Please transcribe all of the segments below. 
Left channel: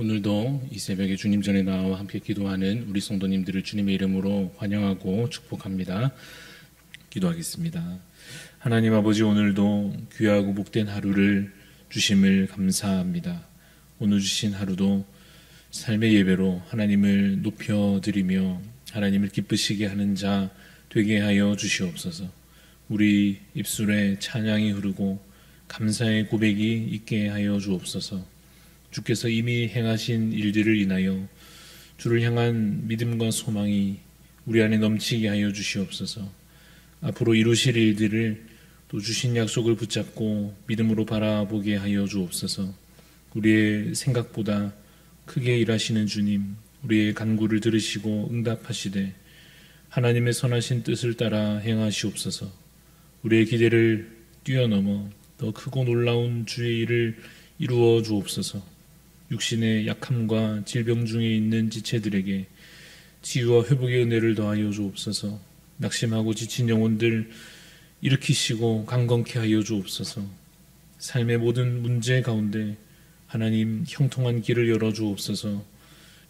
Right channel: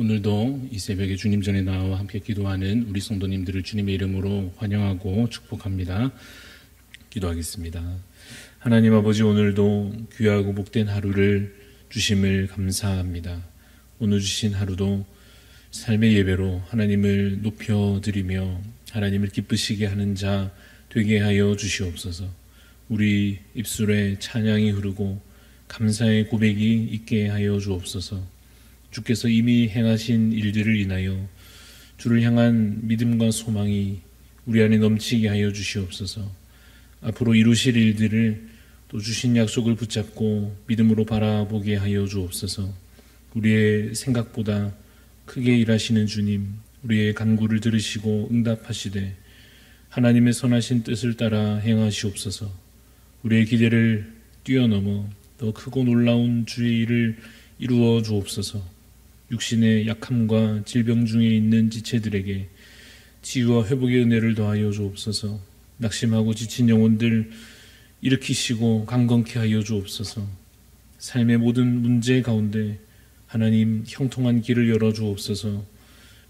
오늘도 이 새벽에 주님 전에 나와 함께 기도하는 우리 성도님들을 주님의 이름으로 환영하고 축복합니다. 기도하겠습니다. 하나님 아버지, 오늘도 귀하고 복된 하루를 주심을 감사합니다. 오늘 주신 하루도 삶의 예배로 하나님을 높여드리며 하나님을 기쁘시게 하는 자 되게 하여 주시옵소서. 우리 입술에 찬양이 흐르고 감사의 고백이 있게 하여 주옵소서. 주께서 이미 행하신 일들을 인하여 주를 향한 믿음과 소망이 우리 안에 넘치게 하여 주시옵소서. 앞으로 이루실 일들을 또 주신 약속을 붙잡고 믿음으로 바라보게 하여 주옵소서. 우리의 생각보다 크게 일하시는 주님, 우리의 간구를 들으시고 응답하시되 하나님의 선하신 뜻을 따라 행하시옵소서. 우리의 기대를 뛰어넘어 더 크고 놀라운 주의 일을 이루어 주옵소서. 육신의 약함과 질병 중에 있는 지체들에게 치유와 회복의 은혜를 더하여 주옵소서. 낙심하고 지친 영혼들 일으키시고 강건케 하여 주옵소서. 삶의 모든 문제 가운데 하나님 형통한 길을 열어 주옵소서.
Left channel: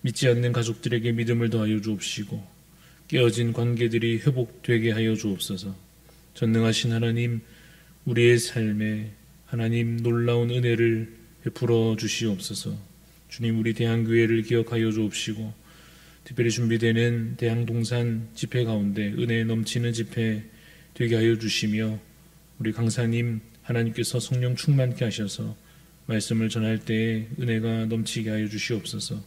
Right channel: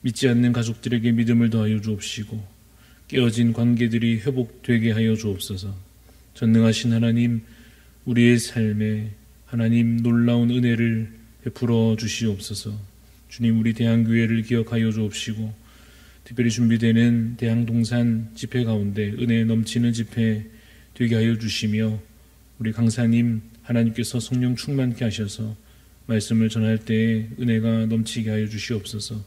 믿지 않는 가족들에게 믿음을 더하여 주옵시고 깨어진 관계들이 회복되게 하여 주옵소서. 전능하신 하나님, 우리의 삶에 하나님 놀라운 은혜를 베풀어 주시옵소서. 주님, 우리 대한교회를 기억하여 주옵시고 특별히 준비되는 대항동산 집회 가운데 은혜 넘치는 집회 되게 하여 주시며 우리 강사님 하나님께서 성령 충만케 하셔서 말씀을 전할 때에 은혜가 넘치게 하여 주시옵소서.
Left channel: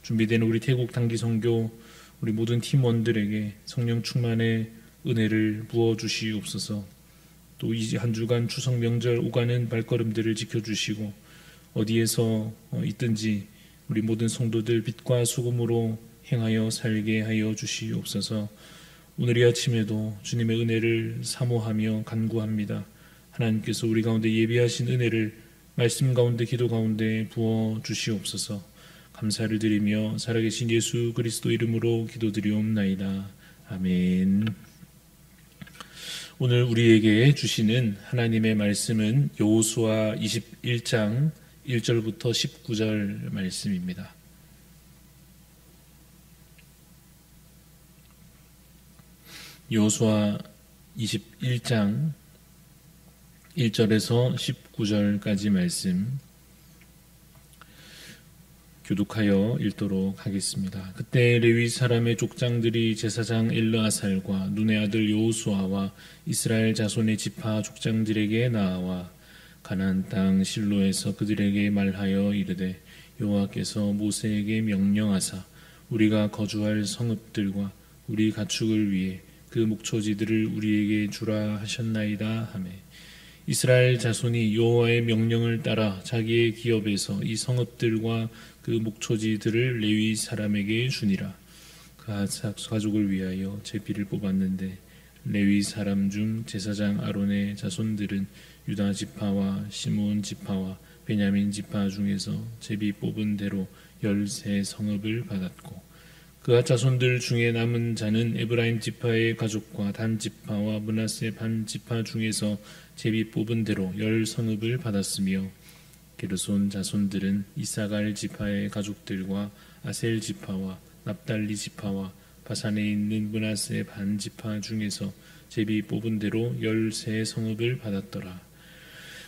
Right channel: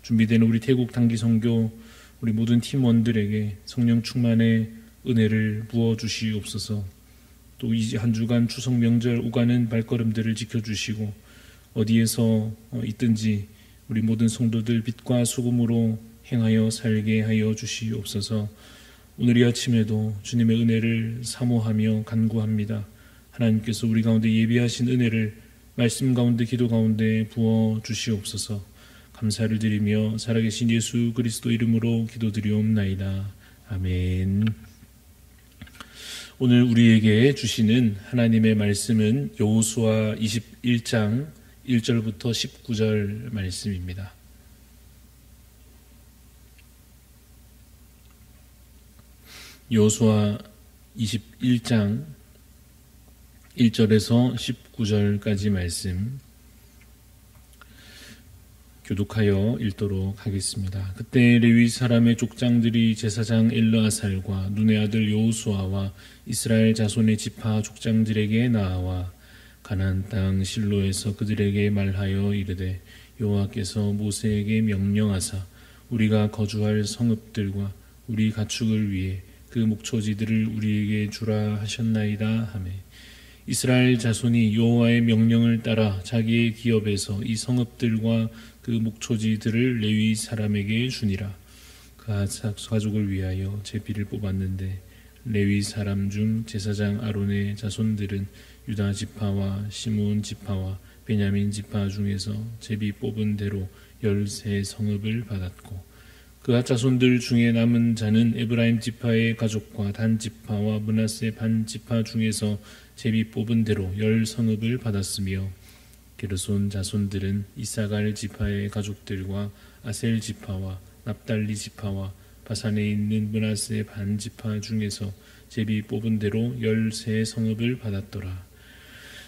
준비되는 우리 태국 단기 선교 우리 모든 팀원들에게 성령 충만의 은혜를 부어 주시옵소서. 또 이제 한 주간 추석 명절 오가는 발걸음들을 지켜주시고 어디에서 있든지 우리 모든 성도들 빛과 소금으로 행하여 살게 하여 주시옵소서. 오늘 이 아침에도 주님의 은혜를 사모하며 간구합니다. 하나님께서 우리 가운데 예비하신 은혜를 말씀 가운데 기도 가운데 부어 주시옵소서. 감사를 드리며 살아계신 예수 그리스도 이름으로 기도드리옵나이다. 아멘. 오늘 우리에게 주시는 하나님의 말씀은 여호수아 21장 1절부터 19절 말씀입니다. 여호수아 21장 1절에서 19절까지 말씀 교독하여 읽도록 하겠습니다. 그때 레위 사람의 족장들이 제사장 엘르아살과 눈의 아들 여호수아와 이스라엘 자손의 지파 족장들에게 나와 가나안 땅 실로에서 그들에게 말하여 이르되 여호와께서 모세에게 명령하사 우리가 거주할 성읍들과 우리 가축을 위해 그 목초지들을 우리에게 주라 하셨나이다 하매 이스라엘 자손이 여호와의 명령을 따라 자기의 기업에서 이 성읍들과 그 목초지들을 레위 사람에게 주니라. 그 가족을 위하여 제비를 뽑았는데 레위 사람 중 제사장 아론의 자손들은 유다 지파와 시므온 지파와 베냐민 지파 중에서 제비 뽑은 대로 13성읍을 받았고 그가 자손들 중에 남은 자는 에브라임 지파의 가족과 단 지파와 므낫세 반 지파 중에서 제비 뽑은 대로 10성읍을 받았으며 게르손 자손들은 이사갈 지파의 가족들과 아셀 지파와 납달리 지파와 바산에 있는 므낫세 반 지파 중에서 제비 뽑은 대로 13성읍을 받았더라.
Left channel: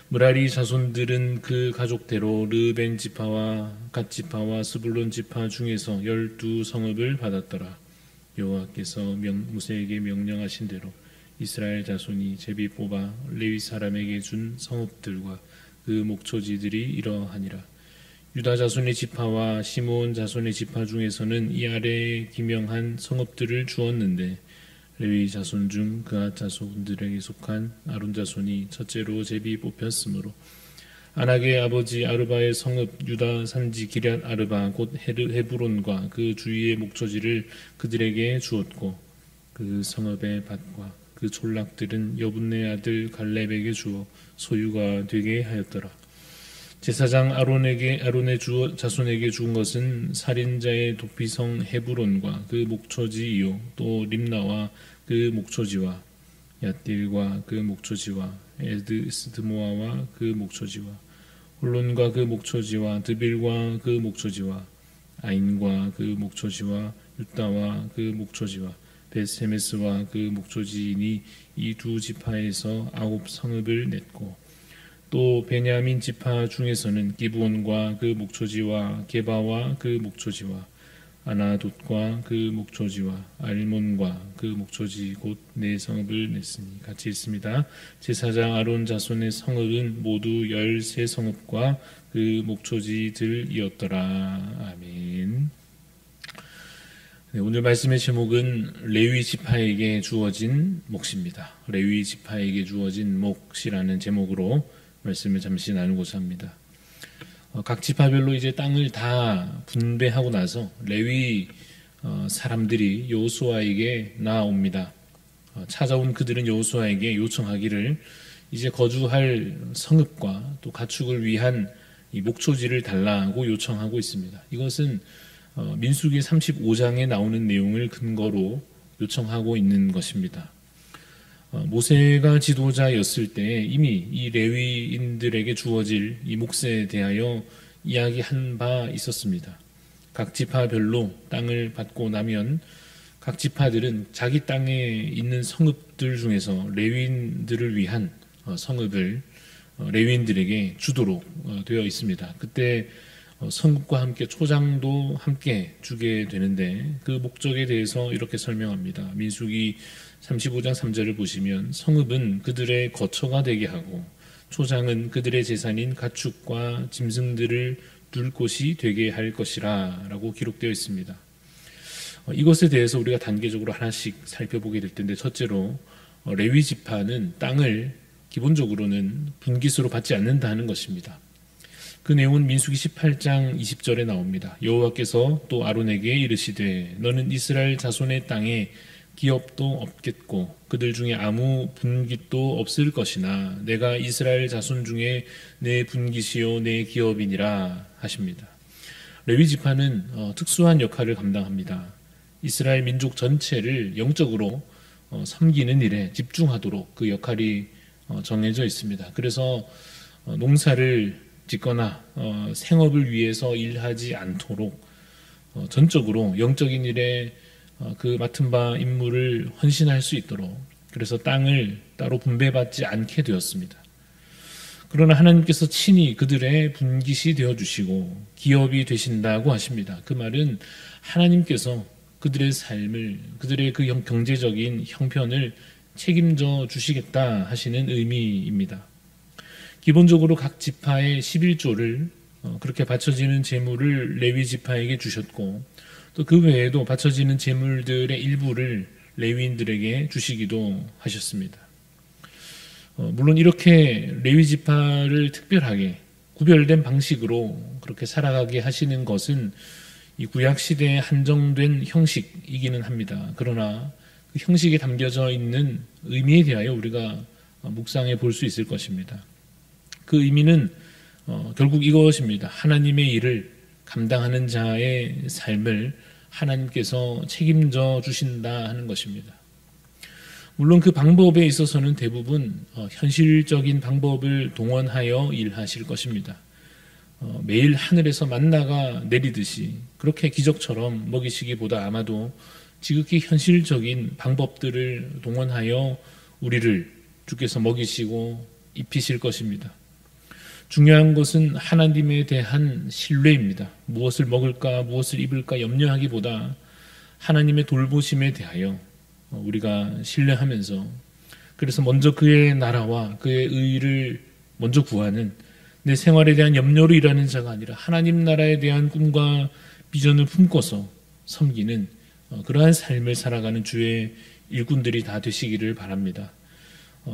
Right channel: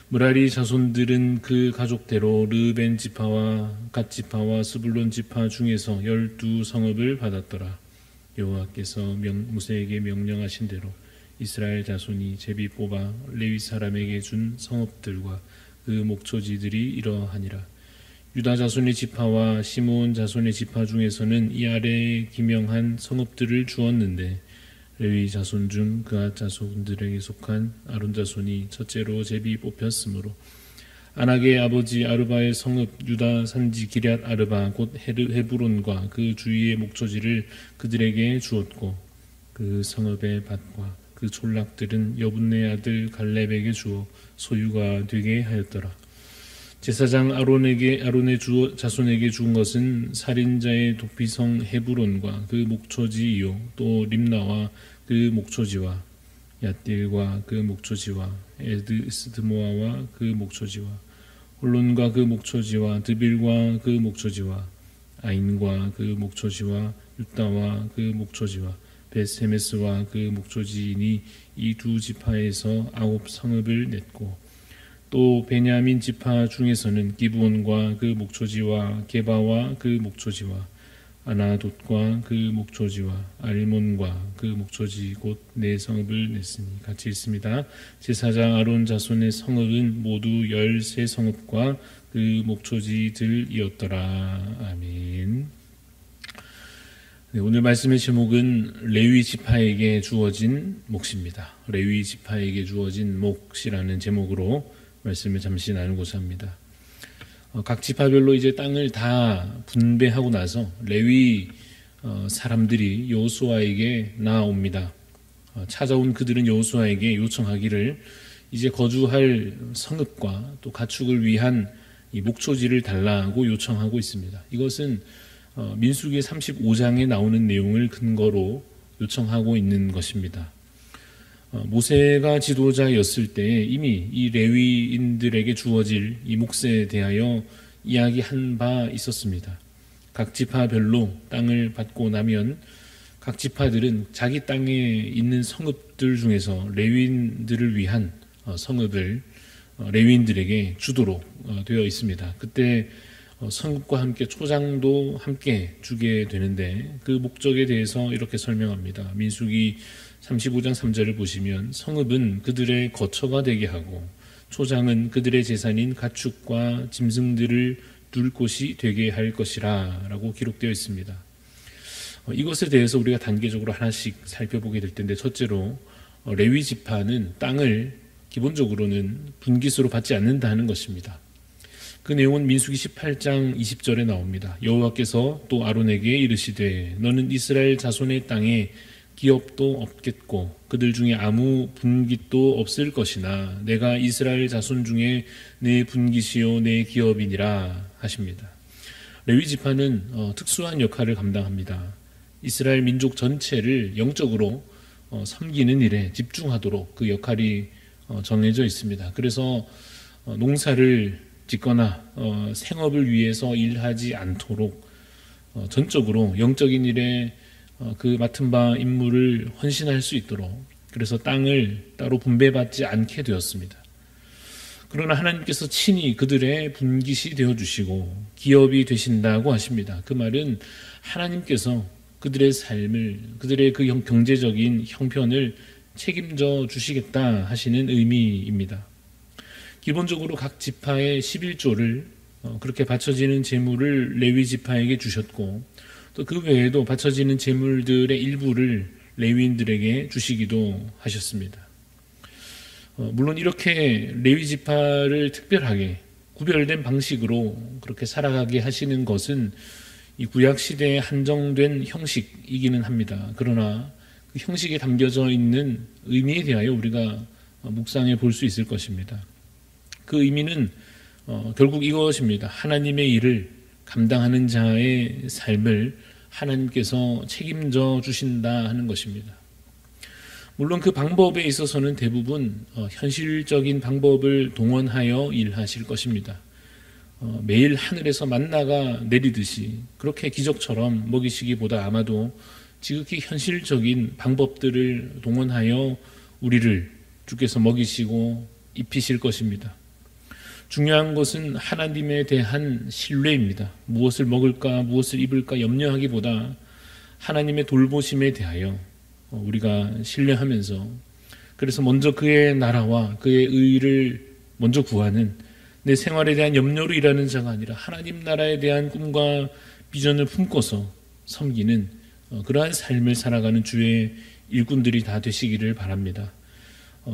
므라리 자손들은 그 가족대로 르벤 지파와 갓 지파와 스불론 지파 중에서 12성읍을 받았더라. 여호와께서 모세에게 명령하신 대로 이스라엘 자손이 제비 뽑아 레위 사람에게 준 성읍들과 그 목초지들이 이러하니라. 유다 자손의 지파와 시므온 자손의 지파 중에서는 이 아래에 기명한 성읍들을 주었는데 레위 자손 중 그앗 자손들에게 속한 아론 자손이 첫째로 제비 뽑혔으므로 아낙의 아버지 아르바의 성읍 유다 산지 기럇 아르바 곧 헤브론과 그 주위의 목초지를 그들에게 주었고 그 성읍의 밭과 그 촌락들은 여분네 아들 갈렙에게 주어 소유가 되게 하였더라. 제사장 아론의 자손에게 준 것은 살인자의 도피성 헤브론과 그 목초지이요 또 림나와 그 목초지와 얏딜과 그 목초지와 에드스드모아와 그 목초지와 홀론과 그 목초지와 드빌과 그 목초지와 아인과 그 목초지와 유다와 그 목초지와 베스헤메스와 그 목초지이니 이 두 지파에서 9 성읍을 냈고 또 베냐민 지파 중에서는 기브온과 그 목초지와 게바와 그 목초지와 아나돗과 그 목초지와 알몬과 그 목초지 곧 4성읍을 냈으니 같이 읽습니다. 제사장 아론 자손의 성읍은 모두 13성읍과 그 목초지들이었더라. 아멘. 네, 오늘 말씀의 제목은 레위 지파에게 주어진 몫입니다. 레위 지파에게 주어진 몫이라는 제목으로 말씀을 잠시 나누고자 합니다. 각 지파별로 이제 땅을 다 분배하고 나서 레위 사람들이 여호수아에게 나아옵니다. 찾아온 그들은 여호수아에게 요청하기를 이제 거주할 성읍과 또 가축을 위한 이 목초지를 달라고 요청하고 있습니다. 이것은 민수기 35장에 나오는 내용을 근거로 요청하고 있는 것입니다. 모세가 지도자였을 때 이미 이 레위인들에게 주어질 이 몫에 대하여 이야기한 바 있었습니다. 각 지파별로 땅을 받고 나면 각 지파들은 자기 땅에 있는 성읍들 중에서 레위인들을 위한 성읍을 레위인들에게 주도록 되어 있습니다. 그때 성읍과 함께 초장도 함께 주게 되는데 그 목적에 대해서 이렇게 설명합니다. 민수기 35장 3절을 보시면 성읍은 그들의 거처가 되게 하고 초장은 그들의 재산인 가축과 짐승들을 둘 곳이 되게 할 것이라 라고 기록되어 있습니다. 이것에 대해서 우리가 단계적으로 하나씩 살펴보게 될 텐데 첫째로 레위 지파는 땅을 기본적으로는 분깃으로 받지 않는다 하는 것입니다. 그 내용은 민수기 18장 20절에 나옵니다. 여호와께서 또 아론에게 이르시되 너는 이스라엘 자손의 땅에 기업도 없겠고 그들 중에 아무 분깃도 없을 것이나 내가 이스라엘 자손 중에 내 분깃이요 내 기업이니라 하십니다. 레위 지파는 특수한 역할을 감당합니다. 이스라엘 민족 전체를 영적으로 섬기는 일에 집중하도록 그 역할이 정해져 있습니다. 그래서 농사를 짓거나 생업을 위해서 일하지 않도록 전적으로 영적인 일에 그 맡은 바 임무를 헌신할 수 있도록 그래서 땅을 따로 분배받지 않게 되었습니다. 그러나 하나님께서 친히 그들의 분깃이 되어주시고 기업이 되신다고 하십니다. 그 말은 하나님께서 그들의 삶을 그들의 그 경제적인 형편을 책임져 주시겠다 하시는 의미입니다. 기본적으로 각 지파의 11조를 그렇게 바쳐지는 재물을 레위 지파에게 주셨고 또 그 외에도 바쳐지는 재물들의 일부를 레위인들에게 주시기도 하셨습니다. 물론 이렇게 레위 지파를 특별하게 구별된 방식으로 그렇게 살아가게 하시는 것은 이 구약 시대에 한정된 형식이기는 합니다. 그러나 그 형식에 담겨져 있는 의미에 대하여 우리가 묵상해 볼 수 있을 것입니다. 그 의미는 결국 이것입니다. 하나님의 일을 감당하는 자의 삶을 하나님께서 책임져 주신다 하는 것입니다. 물론 그 방법에 있어서는 대부분 현실적인 방법을 동원하여 일하실 것입니다. 매일 하늘에서 만나가 내리듯이 그렇게 기적처럼 먹이시기보다 아마도 지극히 현실적인 방법들을 동원하여 우리를 주께서 먹이시고 입히실 것입니다. 중요한 것은 하나님에 대한 신뢰입니다. 무엇을 먹을까 무엇을 입을까 염려하기보다 하나님의 돌보심에 대하여 우리가 신뢰하면서 그래서 먼저 그의 나라와 그의 의를 먼저 구하는 내 생활에 대한 염려로 일하는 자가 아니라 하나님 나라에 대한 꿈과 비전을 품고서 섬기는 그러한 삶을 살아가는 주의 일꾼들이 다 되시기를 바랍니다.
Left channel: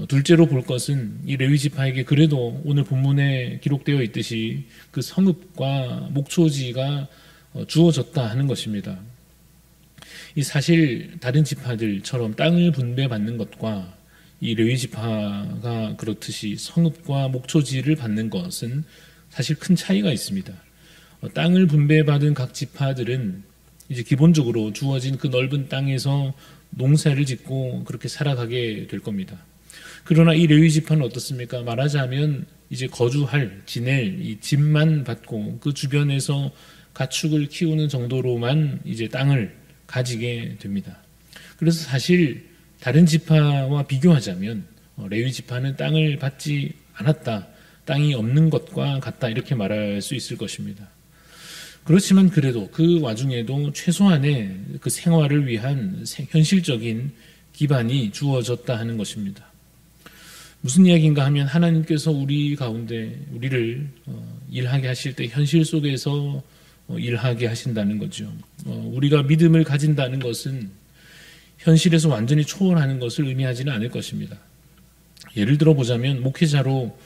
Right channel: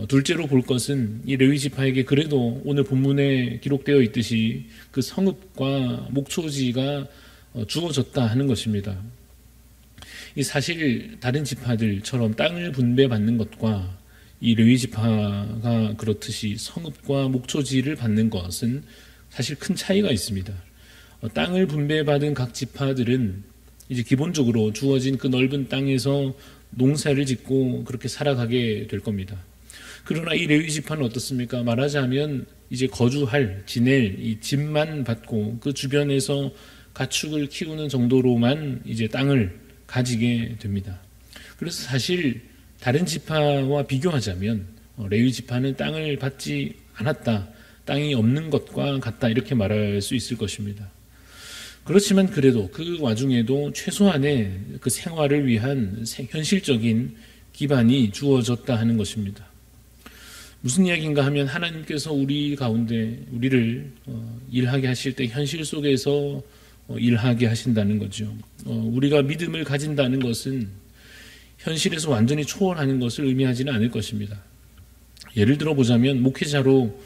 둘째로 볼 것은 이 레위 지파에게 그래도 오늘 본문에 기록되어 있듯이 그 성읍과 목초지가 주어졌다 하는 것입니다. 이 사실 다른 지파들처럼 땅을 분배받는 것과 이 레위 지파가 그렇듯이 성읍과 목초지를 받는 것은 사실 큰 차이가 있습니다. 땅을 분배받은 각 지파들은 이제 기본적으로 주어진 그 넓은 땅에서 농사를 짓고 그렇게 살아가게 될 겁니다. 그러나 이 레위 지파는 어떻습니까? 말하자면 이제 거주할, 지낼 이 집만 받고 그 주변에서 가축을 키우는 정도로만 이제 땅을 가지게 됩니다. 그래서 사실 다른 지파와 비교하자면 레위 지파는 땅을 받지 않았다, 땅이 없는 것과 같다, 이렇게 말할 수 있을 것입니다. 그렇지만 그래도 그 와중에도 최소한의 그 생활을 위한 현실적인 기반이 주어졌다 하는 것입니다. 무슨 이야기인가 하면 하나님께서 우리 가운데 우리를 일하게 하실 때 현실 속에서 일하게 하신다는 거죠. 우리가 믿음을 가진다는 것은 현실에서 완전히 초월하는 것을 의미하지는 않을 것입니다. 예를 들어 보자면 목회자로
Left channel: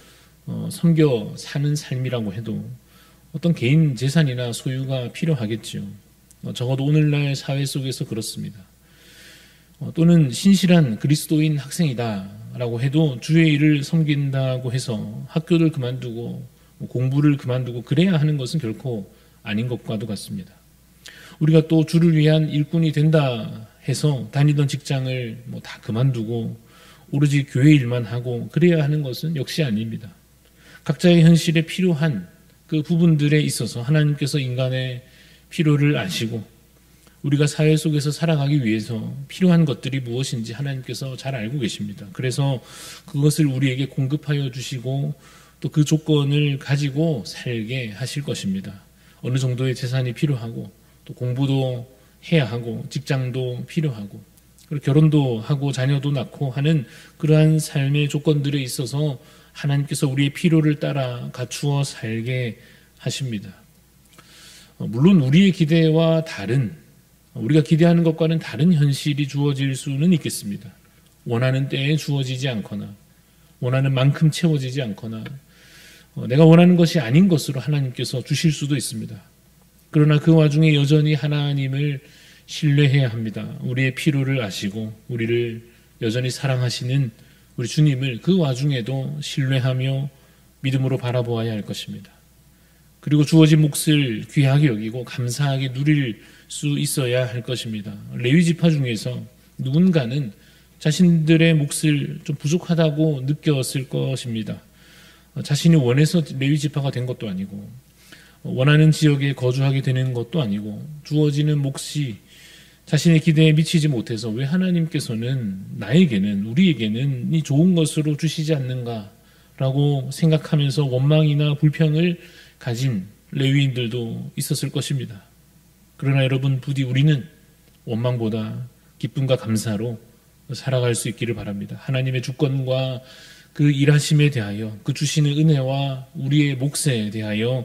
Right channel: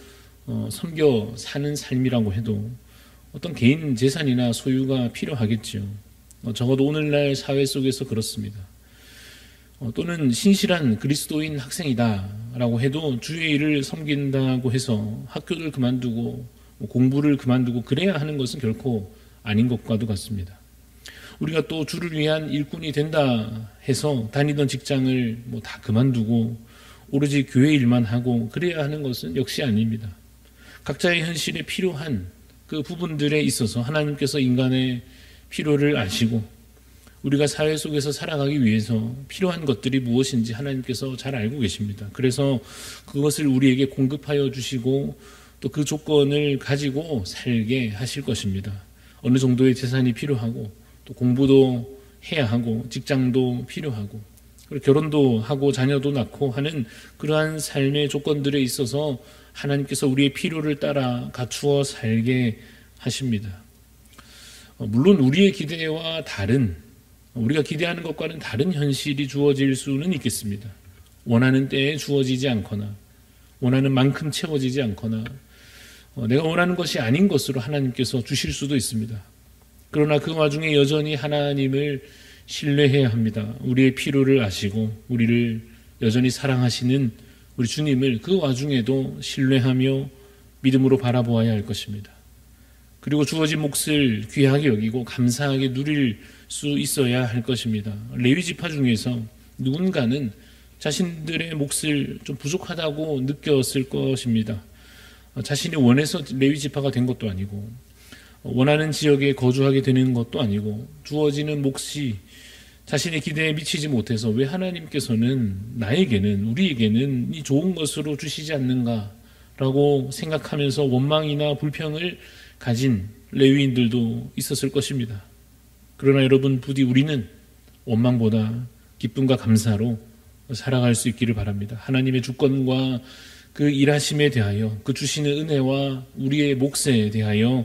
섬겨 사는 삶이라고 해도 어떤 개인 재산이나 소유가 필요하겠죠. 적어도 오늘날 사회 속에서 그렇습니다. 또는 신실한 그리스도인 학생이다라고 해도 주의 일을 섬긴다고 해서 학교를 그만두고 공부를 그만두고 그래야 하는 것은 결코 아닌 것과도 같습니다. 우리가 또 주를 위한 일꾼이 된다 해서 다니던 직장을 다 그만두고 오로지 교회 일만 하고 그래야 하는 것은 역시 아닙니다. 각자의 현실에 필요한 그 부분들에 있어서 하나님께서 인간의 필요를 아시고 우리가 사회 속에서 살아가기 위해서 필요한 것들이 무엇인지 하나님께서 잘 알고 계십니다. 그래서 그것을 우리에게 공급하여 주시고 또 그 조건을 가지고 살게 하실 것입니다. 어느 정도의 재산이 필요하고 또 공부도 해야 하고 직장도 필요하고 그리고 결혼도 하고 자녀도 낳고 하는 그러한 삶의 조건들에 있어서 하나님께서 우리의 필요를 따라 갖추어 살게 하십니다. 물론 우리의 기대와 다른, 우리가 기대하는 것과는 다른 현실이 주어질 수는 있겠습니다. 원하는 때에 주어지지 않거나 원하는 만큼 채워지지 않거나 내가 원하는 것이 아닌 것으로 하나님께서 주실 수도 있습니다. 그러나 그 와중에 여전히 하나님을 신뢰해야 합니다. 우리의 필요를 아시고 우리를 여전히 사랑하시는 우리 주님을 그 와중에도 신뢰하며 믿음으로 바라보아야 할 것입니다. 그리고 주어진 몫을 귀하게 여기고 감사하게 누릴 수 있어야 할 것입니다. 레위 지파 중에서 누군가는 자신들의 몫을 좀 부족하다고 느꼈을 것입니다. 자신이 원해서 레위 지파가 된 것도 아니고 원하는 지역에 거주하게 되는 것도 아니고 주어지는 몫이 자신의 기대에 미치지 못해서 왜 하나님께서는 나에게는 우리에게는 이 좋은 것으로 주시지 않는가라고 생각하면서 원망이나 불평을 가진 레위인들도 있었을 것입니다. 그러나 여러분 부디 우리는 원망보다 기쁨과 감사로 살아갈 수 있기를 바랍니다. 하나님의 주권과 그 일하심에 대하여 그 주시는 은혜와 우리의 몫에 대하여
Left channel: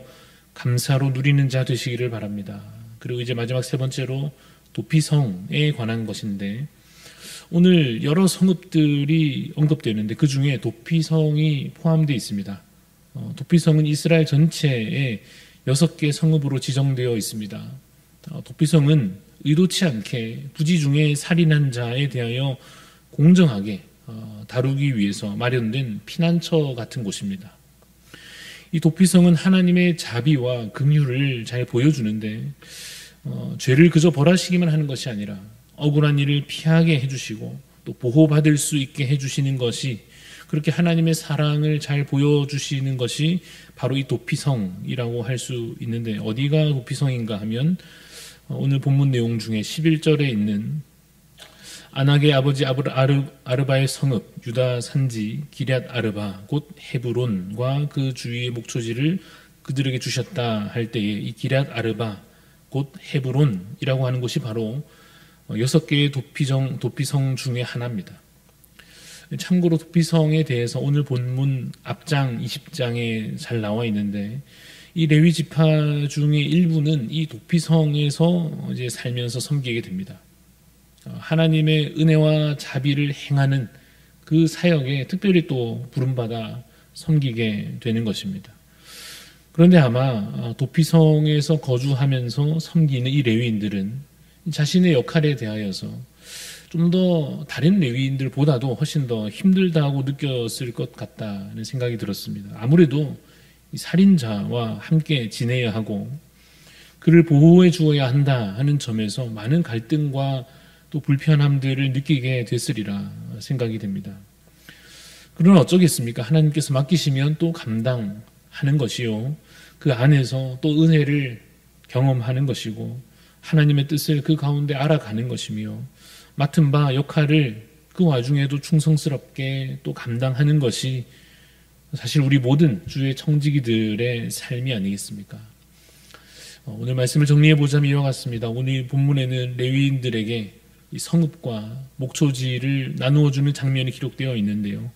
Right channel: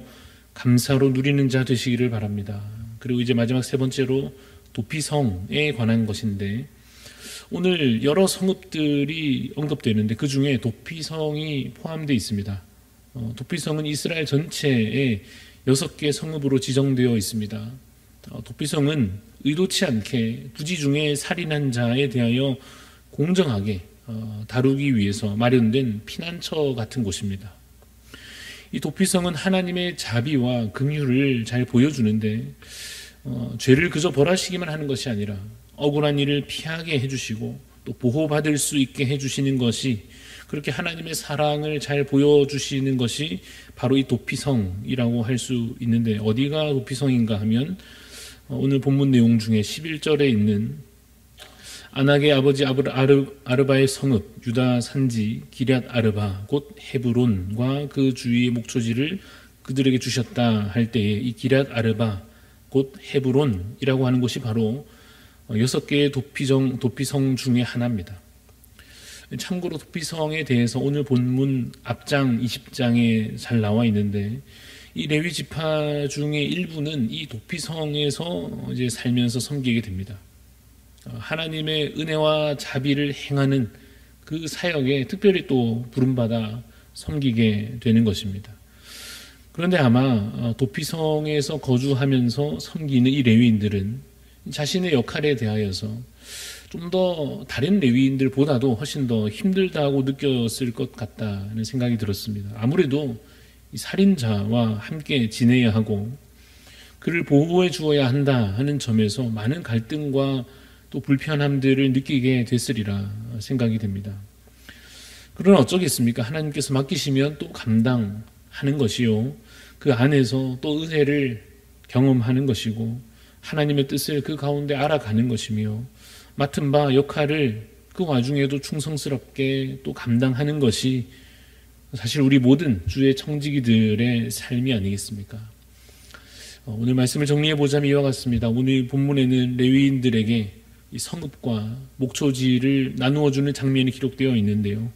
감사로 누리는 자 되시기를 바랍니다. 그리고 이제 마지막 세 번째로 도피성에 관한 것인데 오늘 여러 성읍들이 언급되는데 그 중에 도피성이 포함되어 있습니다. 도피성은 이스라엘 전체에 6개 성읍으로 지정되어 있습니다. 도피성은 의도치 않게 부지중에 살인한 자에 대하여 공정하게 다루기 위해서 마련된 피난처 같은 곳입니다. 이 도피성은 하나님의 자비와 긍휼을 잘 보여주는데 죄를 그저 벌하시기만 하는 것이 아니라 억울한 일을 피하게 해주시고 또 보호받을 수 있게 해주시는 것이 그렇게 하나님의 사랑을 잘 보여주시는 것이 바로 이 도피성이라고 할 수 있는데 어디가 도피성인가 하면 오늘 본문 내용 중에 11절에 있는 아낙의 아버지 아르바의 성읍 유다 산지 기럇 아르바 곧 헤브론과 그 주위의 목초지를 그들에게 주셨다 할 때에 이 기럇 아르바 곧 헤브론이라고 하는 곳이 바로 6개의 도피성 중에 하나입니다. 참고로 도피성에 대해서 오늘 본문 앞장 20장에 잘 나와 있는데 이 레위 지파 중에 일부는 이 도피성에서 이제 살면서 섬기게 됩니다. 하나님의 은혜와 자비를 행하는 그 사역에 특별히 또 부름받아 섬기게 되는 것입니다. 그런데 아마 도피성에서 거주하면서 섬기는 이 레위인들은 자신의 역할에 대하여서 좀 더 다른 레위인들보다도 훨씬 더 힘들다고 느꼈을 것 같다는 생각이 들었습니다. 아무래도 이 살인자와 함께 지내야 하고 그를 보호해 주어야 한다 하는 점에서 많은 갈등과 또 불편함들을 느끼게 됐으리라 생각이 됩니다. 그러나 어쩌겠습니까? 하나님께서 맡기시면 또 감당하는 것이요, 그 안에서 또 은혜를 경험하는 것이고 하나님의 뜻을 그 가운데 알아가는 것이며 맡은 바 역할을 그 와중에도 충성스럽게 또 감당하는 것이 사실 우리 모든 주의 청지기들의 삶이 아니겠습니까? 오늘 말씀을 정리해 보자면 이와 같습니다. 오늘 본문에는 레위인들에게 이 성읍과 목초지를 나누어 주는 장면이 기록되어 있는데요,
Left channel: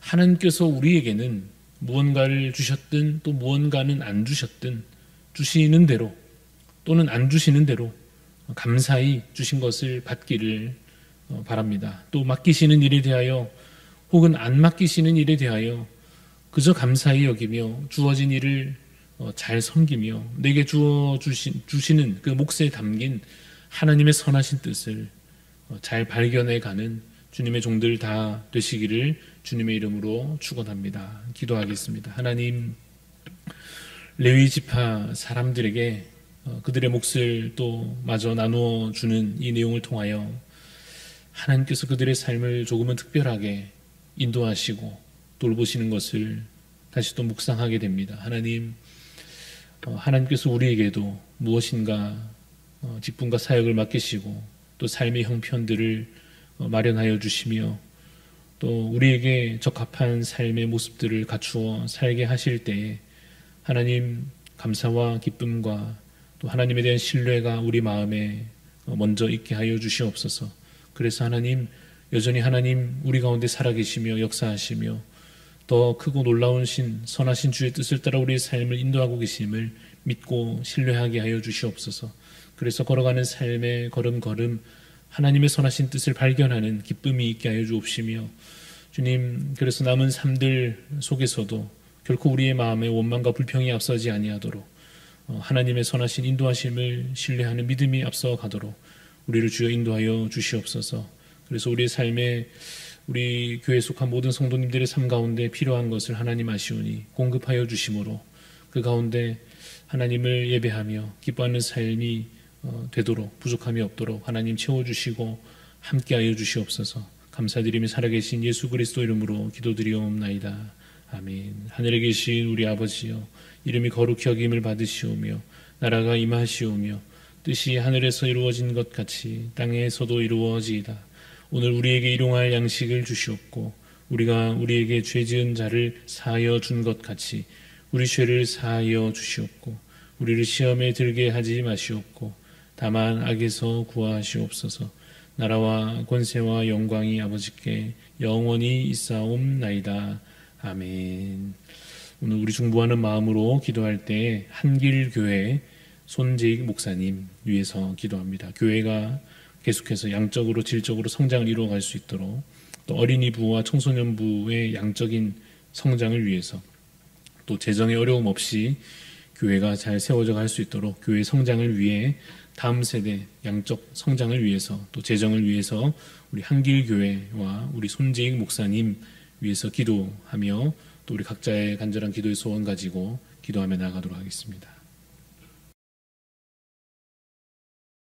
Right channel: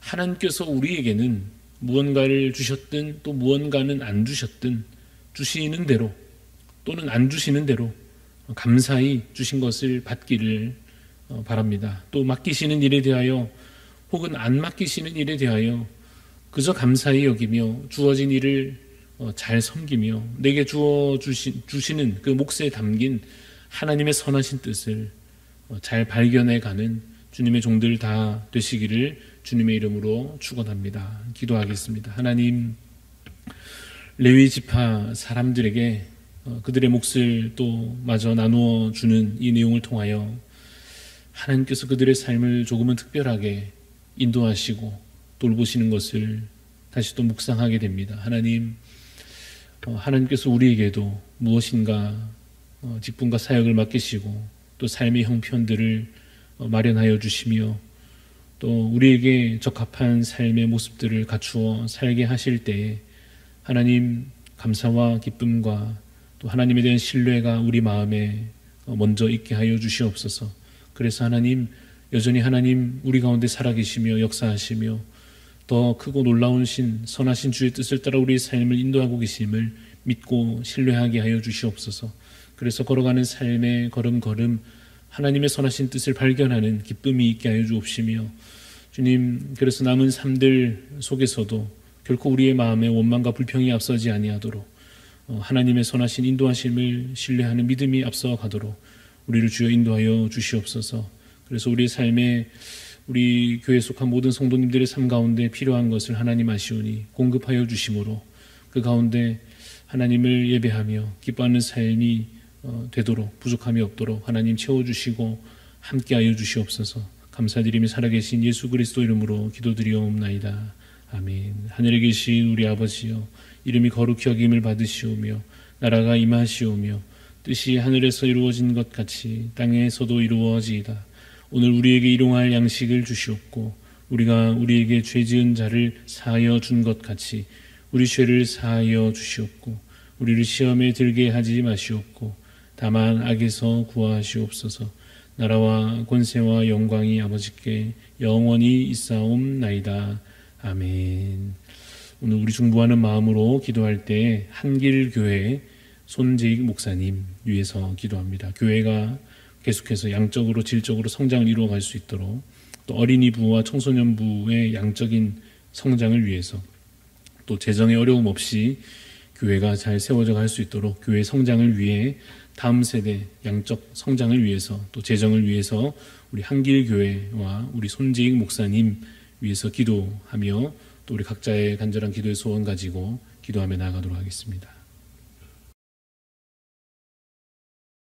하나님께서 우리에게는 무언가를 주셨든 또 무언가는 안 주셨든 주시는 대로 또는 안 주시는 대로 감사히 주신 것을 받기를 바랍니다. 또 맡기시는 일에 대하여 혹은 안 맡기시는 일에 대하여 그저 감사히 여기며 주어진 일을 잘 섬기며 내게 주시는 그 몫에 담긴 하나님의 선하신 뜻을 잘 발견해가는 주님의 종들 다 되시기를 주님의 이름으로 축원합니다. 기도하겠습니다. 하나님, 레위 지파 사람들에게 그들의 몫을 또 마저 나누어 주는 이 내용을 통하여 하나님께서 그들의 삶을 조금은 특별하게 인도하시고 돌보시는 것을 다시 또 묵상하게 됩니다. 하나님, 하나님께서 우리에게도 무엇인가 직분과 사역을 맡기시고 또 삶의 형편들을 마련하여 주시며 또 우리에게 적합한 삶의 모습들을 갖추어 살게 하실 때에 하나님, 감사와 기쁨과 또 하나님에 대한 신뢰가 우리 마음에 먼저 있게 하여 주시옵소서. 그래서 하나님, 여전히 하나님 우리 가운데 살아계시며 역사하시며 더 크고 놀라운 선하신 주의 뜻을 따라 우리의 삶을 인도하고 계심을 믿고 신뢰하게 하여 주시옵소서. 그래서 걸어가는 삶의 걸음걸음 하나님의 선하신 뜻을 발견하는 기쁨이 있게 하여 주옵시며 주님, 그래서 남은 삶들 속에서도 결코 우리의 마음에 원망과 불평이 앞서지 아니하도록 하나님의 선하신 인도하심을 신뢰하는 믿음이 앞서가도록 우리를 주여 인도하여 주시옵소서. 그래서 우리의 삶에 우리 교회에 속한 모든 성도님들의 삶 가운데 필요한 것을 하나님 아시오니 공급하여 주심으로 그 가운데 하나님을 예배하며 기뻐하는 삶이 되도록 부족함이 없도록 하나님 채워주시고 함께하여 주시옵소서. 감사드리며 살아계신 예수 그리스도 이름으로 기도드리옵나이다. 아멘. 하늘에 계신 우리 아버지여, 이름이 거룩히 여김을 받으시오며 나라가 임하시오며 뜻이 하늘에서 이루어진 것 같이 땅에서도 이루어지이다. 오늘 우리에게 일용할 양식을 주시옵고 우리가 우리에게 죄 지은 자를 사하여 준 것 같이 우리 죄를 사하여 주시옵고 우리를 시험에 들게 하지 마시옵고 다만 악에서 구하시옵소서. 나라와 권세와 영광이 아버지께 영원히 있사옵나이다. 아멘. 오늘 우리 중보하는 마음으로 기도할 때 한길교회 손재익 목사님 위해서 기도합니다. 교회가 계속해서 양적으로 질적으로 성장을 이루어갈 수 있도록 또 어린이부와 청소년부의 양적인 성장을 위해서 또 재정의 어려움 없이 교회가 잘 세워져 갈 수 있도록 교회 성장을 위해 다음 세대 양적 성장을 위해서 또 재정을 위해서 우리 한길교회와 우리 손재익 목사님 위해서 기도하며 또 우리 각자의 간절한 기도의 소원 가지고 기도하며 나아가도록 하겠습니다.